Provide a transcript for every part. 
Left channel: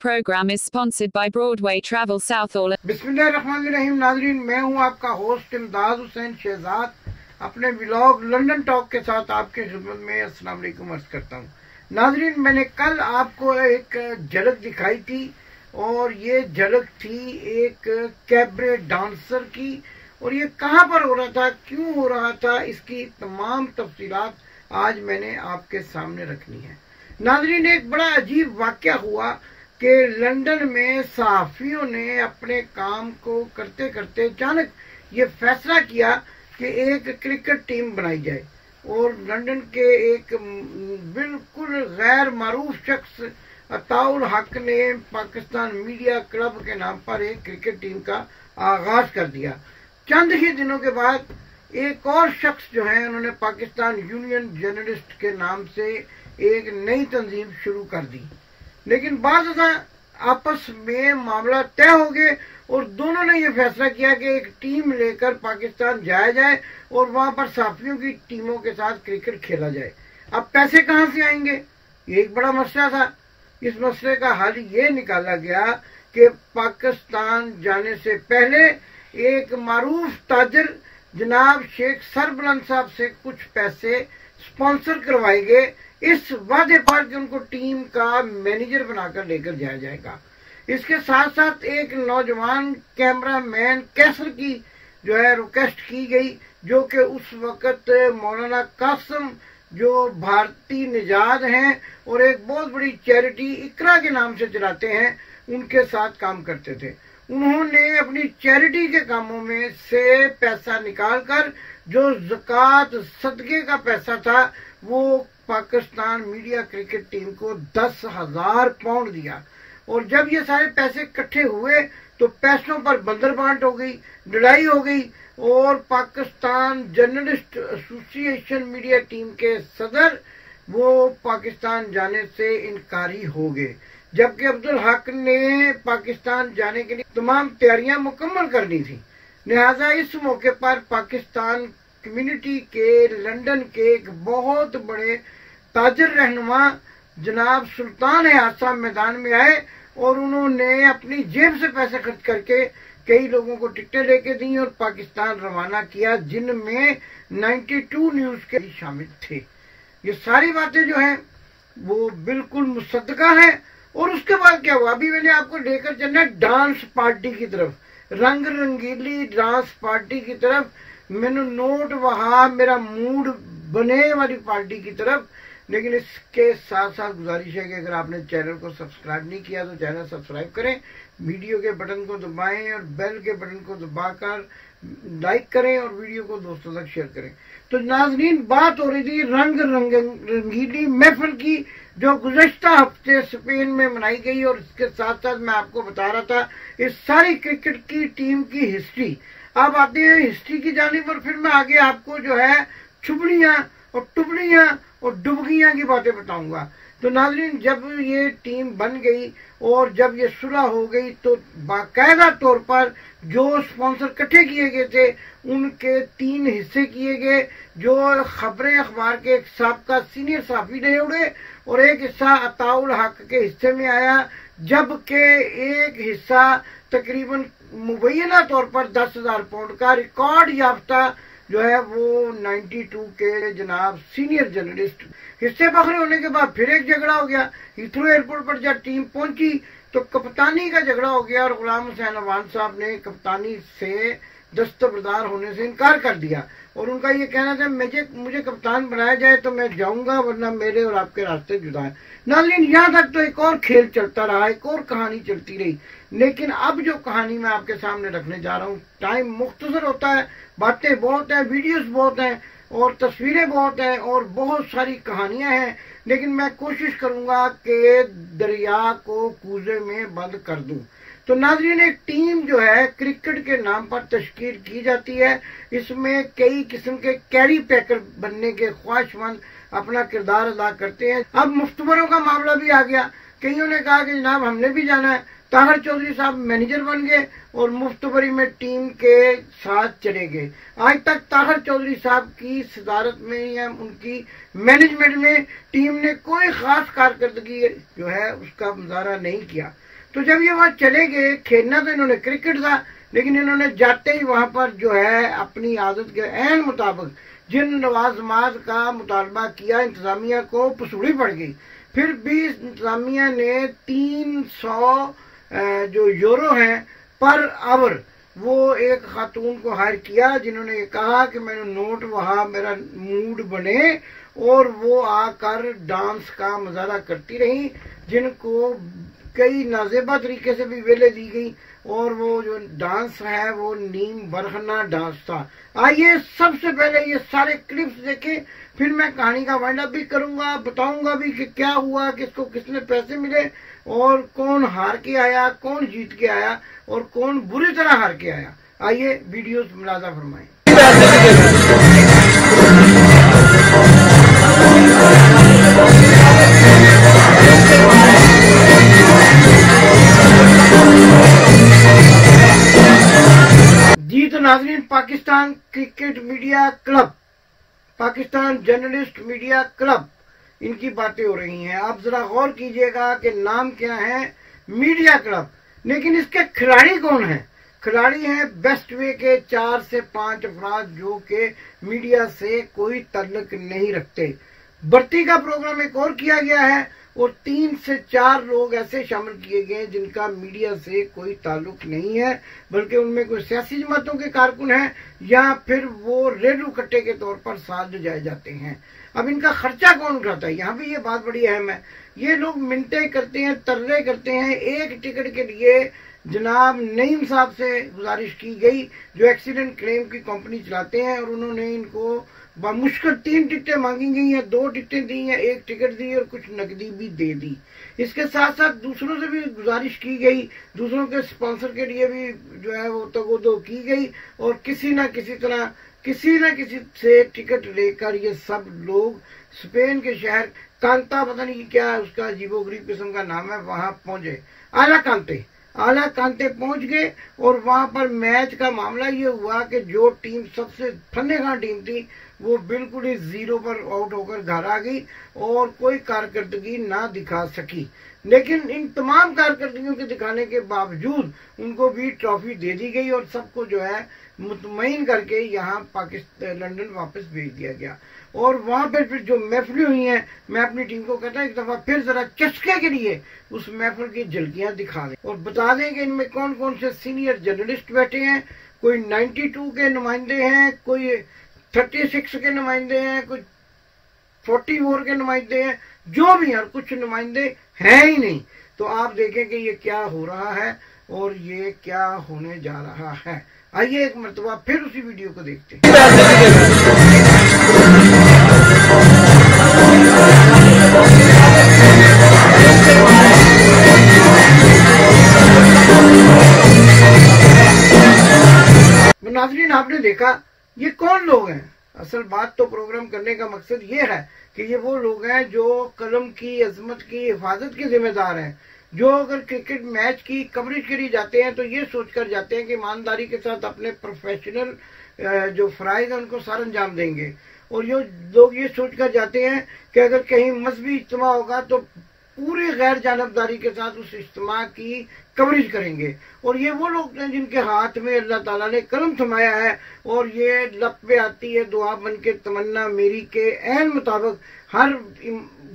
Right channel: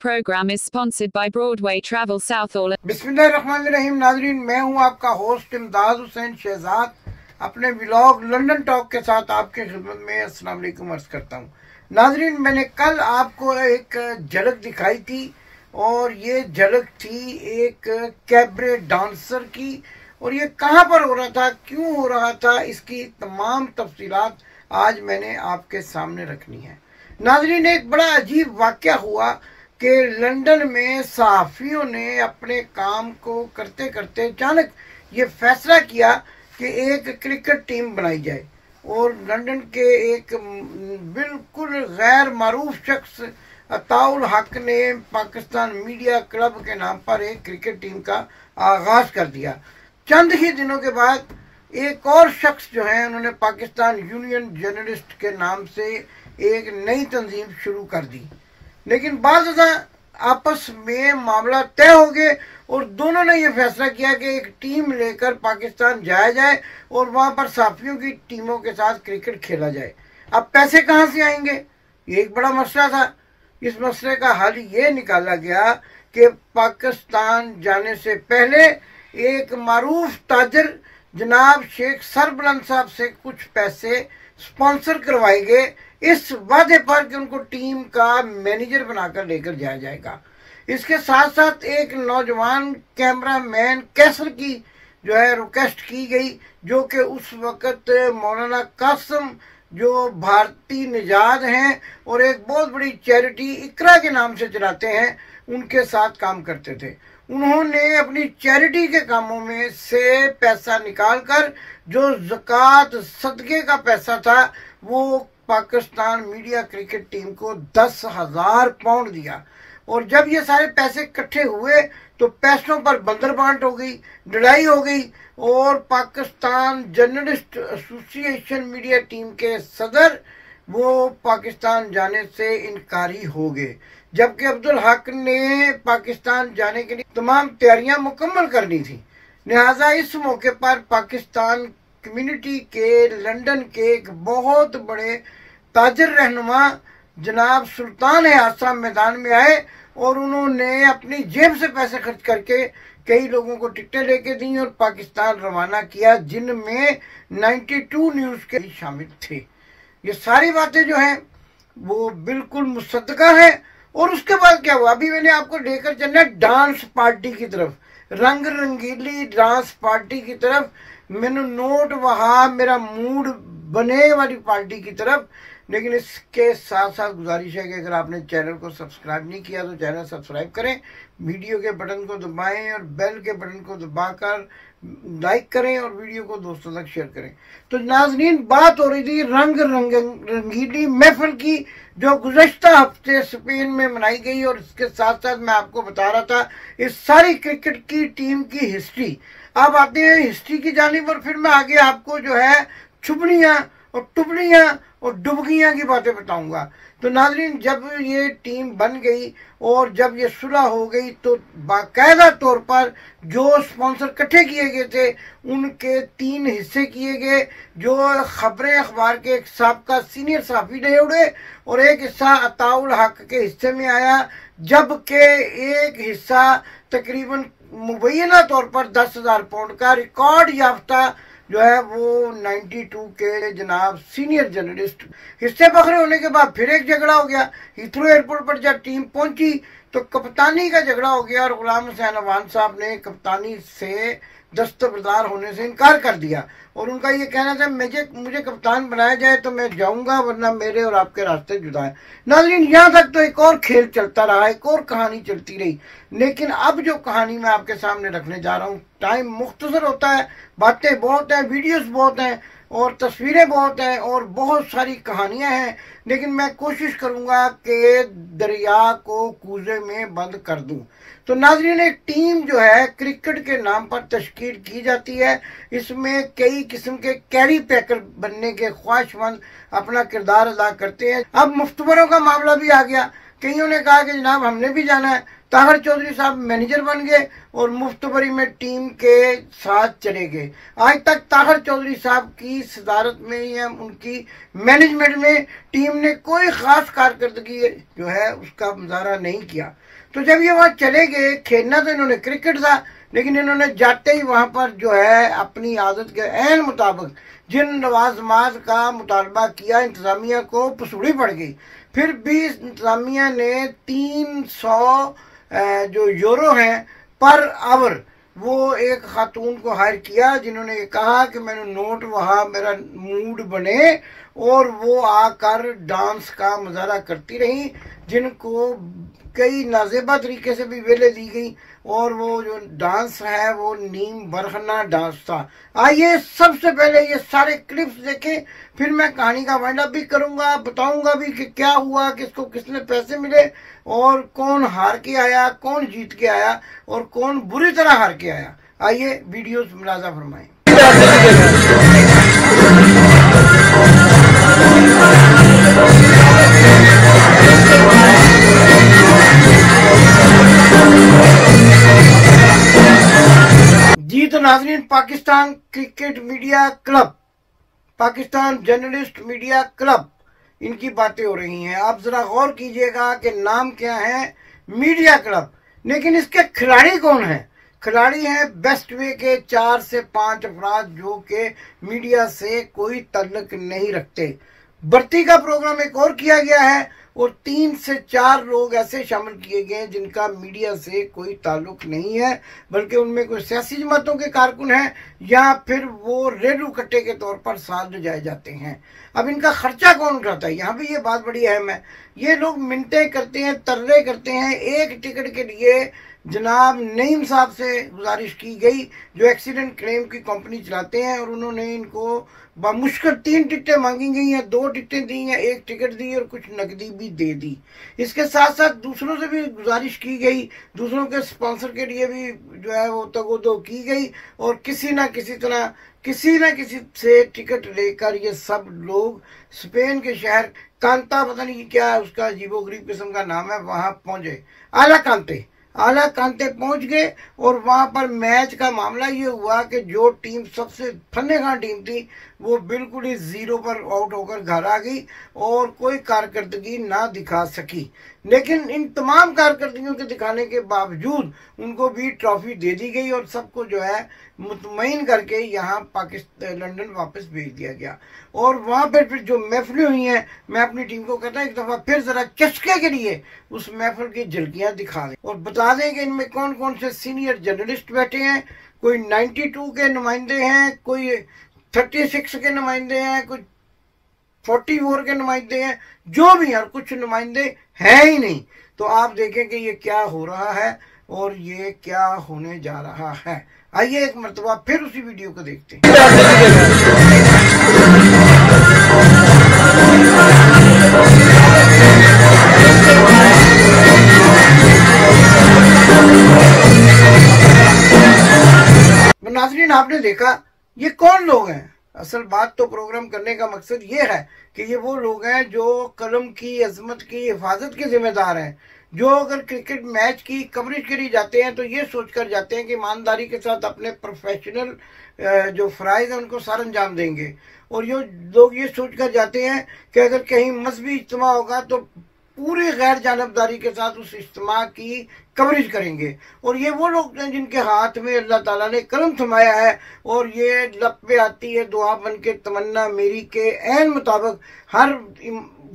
program is sponsored by Broadway Travel South All. बिस्मिल्लाहिर्रहमानिर्रहीम। नाजरीन, मैं हूं आपका होस्ट इमदाद हुसैन शहजाद, अपने व्लॉग लंदन टॉक के साथ आपकी खिदमत में अस्सलाम वालेकुम अर्ज करता हूं। नाजरीन, मैंने कल आपको एक झलक दिखाई थी और ये झलक थी एक कैबरे डांसर की, और ये कहां पर हो रहा था, क्यों हो रहा था, इसकी तमाम तफसीलात आज मैंने आपके सामने रखनी है। नाजरीन, एक बड़ा अजीब वाकया हुआ कि लंदन में सहाफियों ने अपने काम को करते करते अचानक ये फैसला किया कि एक क्रिकेट टीम बनाई जाए, और लंदन के एक बिल्कुल गैर मारूफ शख्स अताउल हक ने पाकिस्तान मीडिया क्लब के नाम पर एक क्रिकेट टीम का आगाज कर दिया। चंद ही दिनों के बाद एक और शख्स जो है, उन्होंने पाकिस्तान यूनियन जर्नलिस्ट के नाम से एक नई तंजीम शुरू कर दी। लेकिन बाद आपस में मामला तय हो गए और दोनों ने यह फैसला किया कि एक टीम लेकर पाकिस्तान जाया जाए और वहां पर सहाफियों की टीमों के साथ क्रिकेट खेला जाए। अब पैसे कहां से आएंगे, ये एक बड़ा मसला था। इस मसले का हल ये निकाला गया कि पाकिस्तान जाने से पहले एक मारूफ ताजर जनाब शेख सरबलंद साहब से कुछ पैसे स्पॉन्सर करवाए गए, इस वादे पर कि उनको टीम का मैनेजर बनाकर लेकर जाया जाएगा। इसके साथ साथ एक नौजवान कैमरामैन कैसर की जो है रिक्वेस्ट की गई, जो कि उस वक्त मौलाना कासिम जो भारतीय निजात हैं और एक बहुत बड़ी चैरिटी इकरा के नाम से चलाते हैं, उनके साथ काम करते थे। उन्होंने अपनी चैरिटी के कामों में से पैसा निकालकर जो ज़कात सदके का पैसा था वो पाकिस्तान मीडिया क्रिकेट टीम को 10,000 पाउंड दिया। और जब ये सारे पैसे इकट्ठे हुए तो पैसों पर बंदरबांट हो गई, लड़ाई हो गई, और Pakistan journalist association media team के सदर वो पाकिस्तान जाने से इनकारी हो गए, जबकि अब्दुल हक ने पाकिस्तान जाने के लिए तमाम तैयारियां मुकम्मल करनी थी। लिहाजा इस मौके पर पाकिस्तान कम्युनिटी के लंदन के एक बहुत बड़े ताजर रहनुमा जनाब सुल्तान हासा मैदान में आए और उन्होंने अपनी जेब से पैसे खर्च करके कई लोगों को टिकटें लेके दी और पाकिस्तान रवाना किया, जिनमें 92 न्यूज के शामिल थे। ये सारी बातें जो हैं वो बिल्कुल मुसद्दका है। और उसके बाद क्या हुआ, अभी मैंने आपको लेकर चलना डांस पार्टी की तरफ, रंग रंगीली डांस पार्टी की तरफ, मैंने नोट वहां मेरा मूड बने वाली पार्टी की तरफ। लेकिन इसके साथ साथ गुजारिश है कि अगर आपने चैनल को सब्सक्राइब नहीं किया तो चैनल सब्सक्राइब करें, वीडियो के बटन को दबाएं और बेल के बटन को दबाकर लाइक करें और वीडियो को दोस्तों तक शेयर करें। तो नाज़रीन, बात हो रही थी रंग रंगीली महफिल की, जो गुज़श्ता हफ्ते स्पेन में मनाई गई, और इसके साथ साथ मैं आपको बता रहा था इस सारी क्रिकेट की टीम की हिस्ट्री। अब आते हैं हिस्ट्री की जानिब, और फिर मैं आगे आपको जो है छुपड़ियाँ और टुबड़ियाँ और डुबगियाँ की बातें बताऊंगा। तो नाज़रीन, जब ये टीम बन गई और जब ये सुलह हो गई तो बाकायदा तौर पर जो स्पॉन्सर इकट्ठे किए गए थे उनके 3 हिस्से किए गए, जो खबरें अखबार के एक साबका सीनियर सहाफ़ी ने उड़े और एक हिस्सा अताउल हक के हिस्से में आया, जबकि एक हिस्सा तकरीबन मुबैना तौर पर 10,000 पाउंड का रिकॉर्ड याफ्ता जो है वो 92 के जनाब सीनियर जर्नलिस्ट। हिस्से बखरे होने के बाद फिर एक झगड़ा हो गया। हीथ्रो एयरपोर्ट पर जब टीम पहुंची तो कप्तानी का झगड़ा हो गया और गुलाम हुसैन अवान साहब ने कप्तानी से दस्तबरदार होने से इनकार कर दिया, और उनका ये कहना था मुझे कप्तान बनाया जाए तो मैं जाऊंगा, वरना मेरे और आपके रास्ते जुदा है। नाज़रीन, यहाँ तक तो एक और खेल चलता रहा, एक और कहानी चलती रही। लेकिन अब जो कहानी मैं आपके सामने रखने जा रहा हूँ, टाइम मुख्तसर होता है, बातें बहुत हैं, वीडियोस बहुत हैं और तस्वीरें बहुत हैं और बहुत सारी कहानियां हैं, लेकिन मैं कोशिश करूंगा कि दरिया को कूजे में बंद कर दूं। तो नाज़रीन, एक टीम जो है क्रिकेट के नाम पर तश्कील की जाती है। इसमें कई किस्म के कैरी पैकर बनने के ख्वाहिशमंद अपना किरदार अदा करते हैं। अब मुफ्तवरों का मामला भी आ गया। कईयों ने कहा कि जनाब हमने भी जाना है। ताहिर चौधरी साहब मैनेजर बन गए और मुफ्तबरी में टीम के साथ चले गए। आज तक ताहिर चौधरी साहब की सदारत में या उनकी मैनेजमेंट में टीम ने कोई खास कारकर्दगी जो है उसका मुजाहरा नहीं किया। तो जब ये वहां चले गए, खेलना तो इन्होंने क्रिकेट था, लेकिन इन्होंने जाते ही वहां पर जो है अपनी आदत के ऐन मुताबिक जिन लवाजमात का मुतालबा किया, इंतजामिया को पसूड़ी पड़ गई। फिर भी इंतजामिया ने 300 जो यूरो हैं पर आवर, वो एक खातून को हायर किया जिन्होंने ये कहा कि मैंने नोट वहां मेरा मूड बने, और वो आकर डांस का मुजाहरा करती रही, जिनको कई नाजेबा तरीके से भी वेले दी गई। और वो जो डांस है वो नीम बरहना डांस था। आइए सबसे पहले ये सारे क्लिप्स देखें, फिर मैं कहानी का वाइंड अप भी करूंगा, बताऊंगा भी कि क्या हुआ, किसको किसने पैसे मिले, और कौन हार के आया, कौन जीत के आया, और कौन बुरी तरह हार के आया। आइए वीडियोस मुलाजा फरमाएं। जी तो नाज़रीन, Pakistan cricket media club, Pakistan journalist media club, इनकी बातें हो रही हैं। आप जरा गौर कीजिएगा कि नाम क्या है, मीडिया क्लब, लेकिन इसके खिलाड़ी कौन है? खिलाड़ी हैं बेस्ट वे के 4 से 5 अफराद जो कि मीडिया से कोई ताल्लुक नहीं रखते। भर्ती का प्रोग्राम एक और किया गया है, और 3 से 4 लोग ऐसे शामिल किए गए जिनका मीडिया से कोई ताल्लुक नहीं है, बल्कि उनमें कोई सियासी जमातों के कारकुन हैं, या फिर वो रेलू कट्टे के तौर पर साथ जाए जाते हैं। अब इनका खर्चा कौन उठाता है? यहाँ भी ये बात बड़ी अहम है। ये लोग मिन्नतें करते हैं, तरले करते हैं। एक टिकट के लिए जनाब नईम साहब से गुजारिश की गई, जो एक्सीडेंट क्लेम की कंपनी चलाते हैं, और उन्होंने इनको बामुश्किल 3 टिकटें मांगी गई हैं, 2 टिकटें दी हैं, 1 टिकट दी और कुछ नकदी भी दे दी। इसके साथ साथ दूसरों से भी गुजारिश की गई, दूसरों के स्पॉन्सर के लिए भी जो है वो तगोदो की गई, और किसी न किसी से टिकट लेकर ये सब लोग स्पेन के शहर कांता, पता नहीं क्या है उसका अजीबोगरीब किस्म का नाम है, वहां पहुंचे। आला कांते पहुंच गए, और वहां पर मैच का मामला ये हुआ कि जो टीम सबसे फन्नेगाह टीम थी वो बिल्कुल ही 0 पर आउट होकर घर आ गई और कोई कारकर्दगी ना दिखा सकी। लेकिन इन तमाम कारकर्दगियों के दिखाने के बावजूद उनको भी ट्रॉफी दे दी गई, और सबको जो है मुतमईन करके यहाँ पाकिस्तान लंदन वापस भेज दिया गया। और वहां पर फिर जो महफिलें हुई हैं, मैं अपनी टीम को कहता हूँ एक दफा फिर जरा चस्के के लिए उस महफिल की झलकियां दिखा दें, और बता दें कि इनमें कौन कौन से सीनियर जर्नलिस्ट बैठे हैं। कोई 92 के नुमाइंदे हैं, कोई 36 के नुमाइंदे हैं, कुछ 44 के नुमाइंदे हैं, जो भी हैं, कुछ नुमाइंदे हैं ही नहीं। तो आप देखें कि ये क्या हो रहा है और ये क्या होने जा रहा है। आइए एक मरतबा फिर उसी वीडियो को देखते हैं। नाज़रीन, आपने देखा ये कौन लोग हैं? असल बात तो प्रोग्राम करने का मकसद ये है कि ये वो लोग हैं जो कलम की अजमत की हिफाजत के जिम्मेदार हैं, जो अगर क्रिकेट मैच की कवरेज के लिए जाते हैं तो ये सोचकर जाते हैं कि ईमानदारी के साथ अपने प्रोफेशनल जो फ़राइज़ हैं उनको सार अंजाम देंगे, और ये लोग ये सोचकर जाते हैं कि अगर कहीं मजहबी इज्तिमा होगा तो पूरी गैर जानबदारी के साथ उस इज्तिमा की कवरेज करेंगे। और ये वो लोग हैं जिनके हाथ में अल्लाह ताला ने कलम थमाया है, और ये लब पे आती है दुआ बन के तमन्ना मेरी के ऐन मुताबिक हर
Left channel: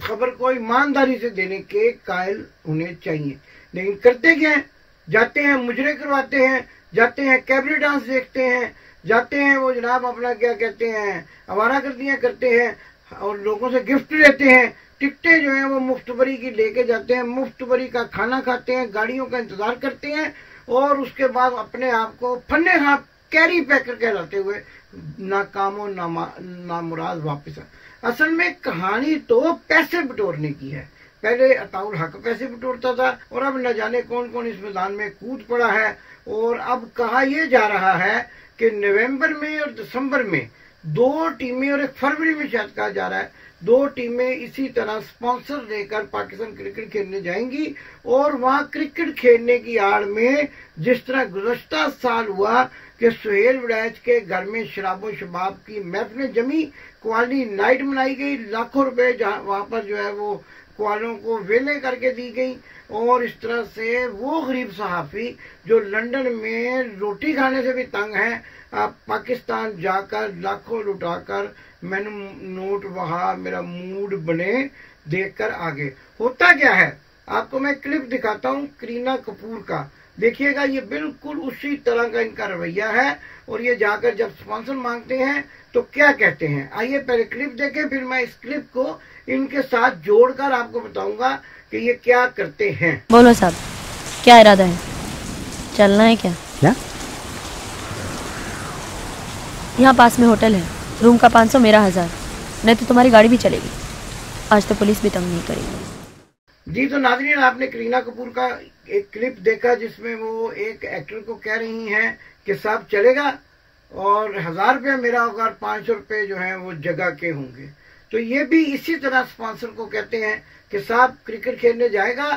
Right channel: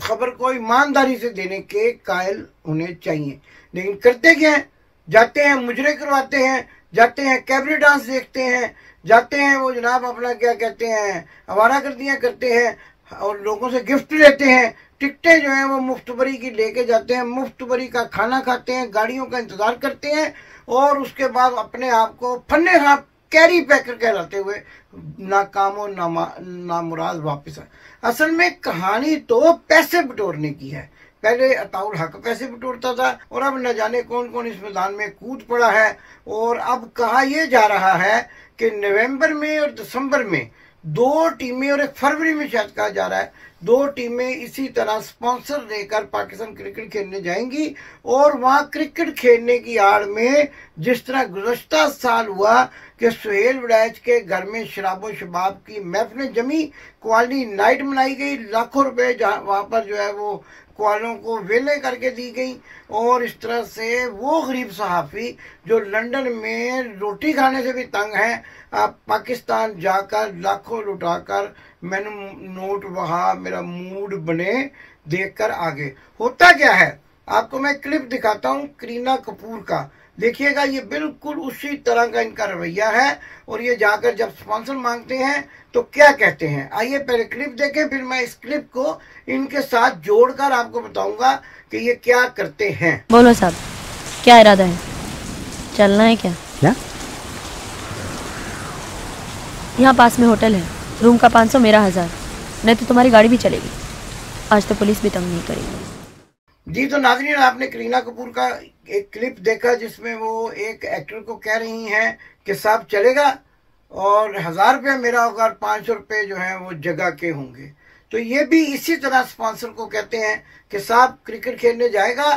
खबर को ईमानदारी से देने के कायल होने चाहिए। लेकिन करते क्या है? जाते हैं मुजरे करवाते हैं, जाते हैं कैबरे डांस देखते हैं, जाते हैं वो जनाब अपना क्या कहते हैं आवारागर्दियां करते हैं, और लोगों से गिफ्ट लेते हैं। टिकटें जो हैं वो मुफ्तबरी की लेके जाते हैं, मुफ्तबरी का खाना खाते हैं, गाड़ियों का इंतजार करते हैं, और उसके बाद अपने आप को फन्ने हाथ कैरी पैकर कहलाते हुए नाकामो नामुराद वापस आए। असल में कहानी तो पैसे बटोरने की है। पहले अताउल हक पैसे बटोरता था, और अब न जाने कौन कौन इस मैदान में कूद पड़ा है। और अब कहा यह जा रहा है कि नवंबर में और दिसंबर में 2 टीमें, और 1 फरवरी में शायद कहा जा रहा है 2 टीमें इसी तरह स्पॉन्सर लेकर पाकिस्तान क्रिकेट खेलने जाएंगी, और वहां क्रिकेट खेलने की आड़ में जिस तरह गुज़श्ता साल हुआ कि सुहेल वड़ैच के घर में शराबो शबाब की महफिलें जमी, क्वालिटी नाइट मनाई गई, लाखों रुपए वहां पर जो है वो वालों को वेले करके दी गई। और इस तरह से वो गरीब सहाफ़ी जो लंदन में रोटी खाने से भी तंग है, आप पाकिस्तान जाकर लाखों लुटाकर मैंने नोट वहा मेरा मूड बने देखकर आगे। होता क्या है, आपको मैं क्लिप दिखाता हूँ करीना कपूर का, देखिएगा ये बिल्कुल उसी तरह का इनका रवैया है। और ये जाकर जब स्पॉन्सर मांगते हैं तो क्या कहते हैं, आइए पहले क्लिप देखें, फिर मैं इस क्लिप को इनके साथ जोड़कर आपको बताऊंगा कि ये क्या करते हैं। बोलो साहब, क्या इरादा है, चलना है क्या? यहाँ पास में होटल है, रूम का 500 मेरा 1000, नहीं तो तुम्हारी गाड़ी भी चलेगी। आज तो पुलिस भी तंग नहीं करेगी। जी तो नाज़रीन, आपने करीना कपूर का एक क्लिप देखा जिसमें वो एक एक्टर को कह रही हैं कि साहब चलेगा और 1000 रुपया मेरा होगा और 500 रुपये जो है वो जगह के होंगे। तो ये भी इसी तरह स्पॉन्सर को कहते हैं कि साहब क्रिकेट खेलने जाएगा,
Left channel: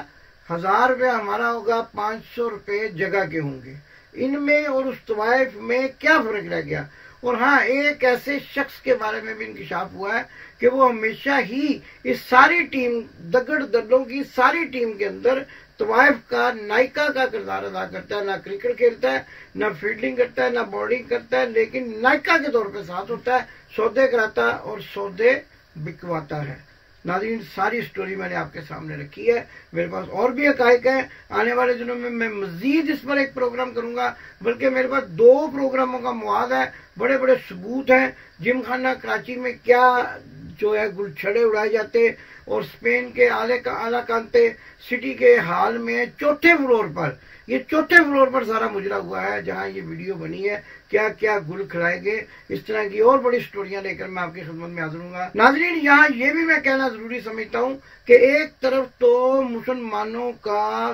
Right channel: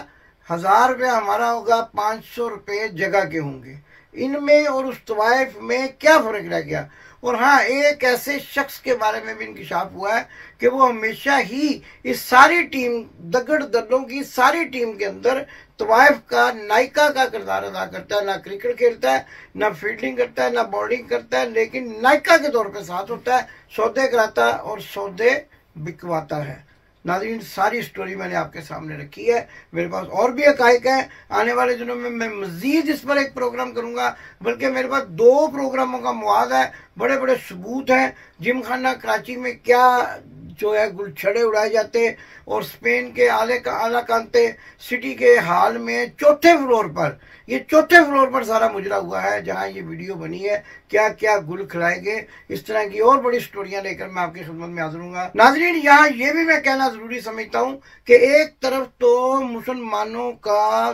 1000 रुपया हमारा होगा, 500 रुपये जगह के होंगे। इनमें और उस तवाइफ में क्या फर्क रह गया। और हाँ, एक ऐसे शख्स के बारे में भी इंकशाफ हुआ है कि वो हमेशा ही इस सारी टीम दगड़ दलों की सारी टीम के अंदर तवाइफ का नायिका का किरदार अदा करता है। ना क्रिकेट खेलता है, ना फील्डिंग करता है, ना बॉलिंग करता है, लेकिन नायिका के तौर पे साथ होता है, सौदे कराता है और सौदे बिकवाता है। नाज़रीन, सारी स्टोरी मैंने आपके सामने रखी है। मेरे पास और भी हकायक हैं, आने वाले दिनों में मैं मजीद इस पर एक प्रोग्राम करूंगा, बल्कि मेरे पास 2 प्रोग्रामों का मुआद है, बड़े बड़े सबूत हैं। जिम खाना कराची में क्या जो है गुलछड़े उड़ाए जाते, और स्पेन के आलाकांते सिटी के हाल में चौथे फ्लोर पर, ये चौथे फ्लोर पर सारा मुजरा हुआ है जहां ये वीडियो बनी है। क्या क्या गुल खिलाएंगे, इस तरह की और बड़ी स्टोरियां लेकर मैं आपकी खिदमत में हाजिर हूँगा। नाजरीन, यहाँ ये भी मैं कहना जरूरी समझता हूँ कि एक तरफ तो मुसलमानों का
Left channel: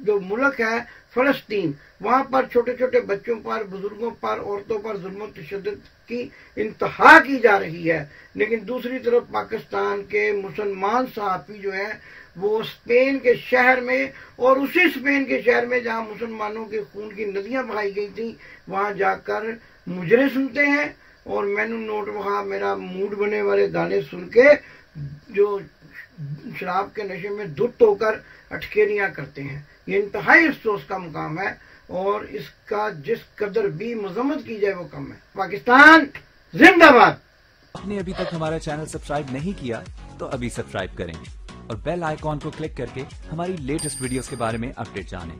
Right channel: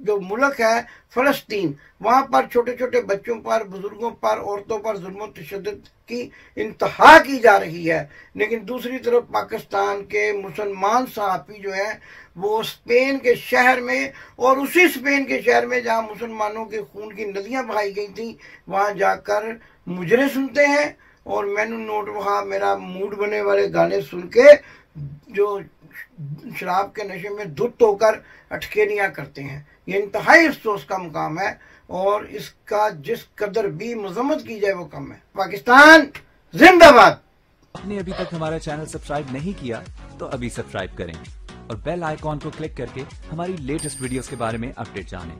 जो मुल्क है फलस्तीन, वहां पर छोटे छोटे बच्चों पर, बुजुर्गों पर, औरतों पर जुल्म तशद्दुद की इंतहा की जा रही है, लेकिन दूसरी तरफ पाकिस्तान के मुसलमान सहाफ़ी जो है वो स्पेन के शहर में, और उसी स्पेन के शहर में जहां मुसलमानों के खून की नदियां बहाई गई थी, वहां जाकर मुजरे सुनते हैं और मैनू नोट वहां मेरा मूड बने वाले गाने सुन के जो शराब के नशे में धुत होकर अटखेलियां करते हैं। ये इंतहाई अफसोस का मुकाम है और इसका जिस कदर भी मजम्मत की जाए वो कम है। पाकिस्तान जिंदाबाद। आपने अभी तक हमारा चैनल सब्सक्राइब नहीं किया तो अभी सब्सक्राइब करें और बेल आइकॉन को क्लिक करके हमारी लेटेस्ट वीडियोस के बारे में अपडेट जानें।